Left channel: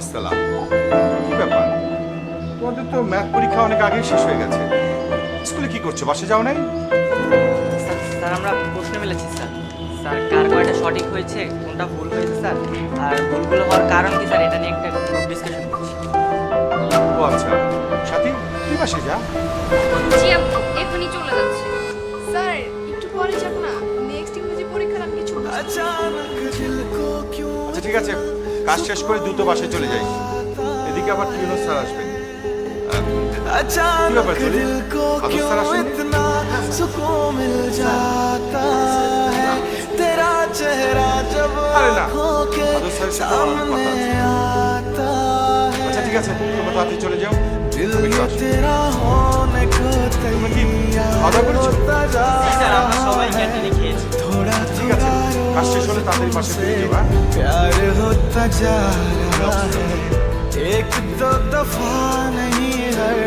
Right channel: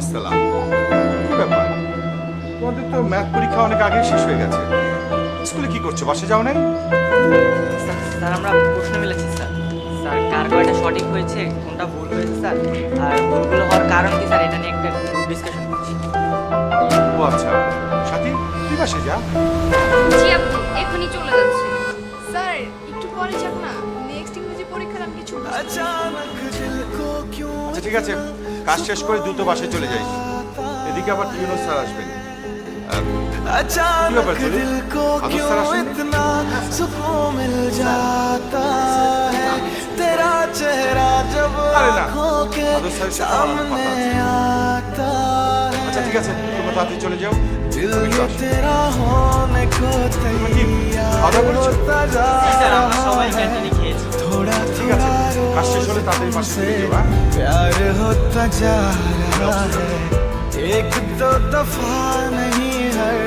আসসালাম। কি ব্যাপার, তোমাদের তো ম্যাথ পরীক্ষা অনেক আগে শেষ হয়ে গেছে। স্কুলে কি করছো, বাসে যাও নাই? স্যার স্যার আমরা প্রশ্ন মিলেছি স্যার। স্যার কার কয়টা সঠিক হয়েছে, কোনটা ভুল হয়েছে স্যার, আর ভুলগুলো হওয়ার কারণ কি স্যার, এটা নিয়ে একটা গ্রুপ ডিসকাশন করছি। ও আচ্ছা, সাথী তুই বাসে যা। জি আপু, এখনই চলে যাচ্ছে। স্যার একটু পরে যাব না, নেক্সট ইংরেজি পরীক্ষার আমি কিছু বুঝতে আচ্ছা ঠিক আছে, কাজ শেষ করে দ্রুত বাসায় চলে যাই। এদিকে আবার টিউনো স্যার আসবেন। কি ব্যাপার তোর? আদর স্যার আসেননি? আরে না, আদর স্যারের সাথে আমার অনেক কথা আছে। আচ্ছা ঠিক আছে, তোমরা তাড়াতাড়ি চলে যাও। আমি একটু আসছি। তোমরা কি খাওয়া দাওয়া করেছো? জি স্যার, আমরা সবাই ক্যান্টিনে খেয়েছি। ঠিক আছে, কাজ শেষ হলে তাড়াতাড়ি বাসে ফিরে যাও। হ্যাঁ? प्यार होता जा আমি रहा অফিসে যাবো। है एक दो दफा नहीं हर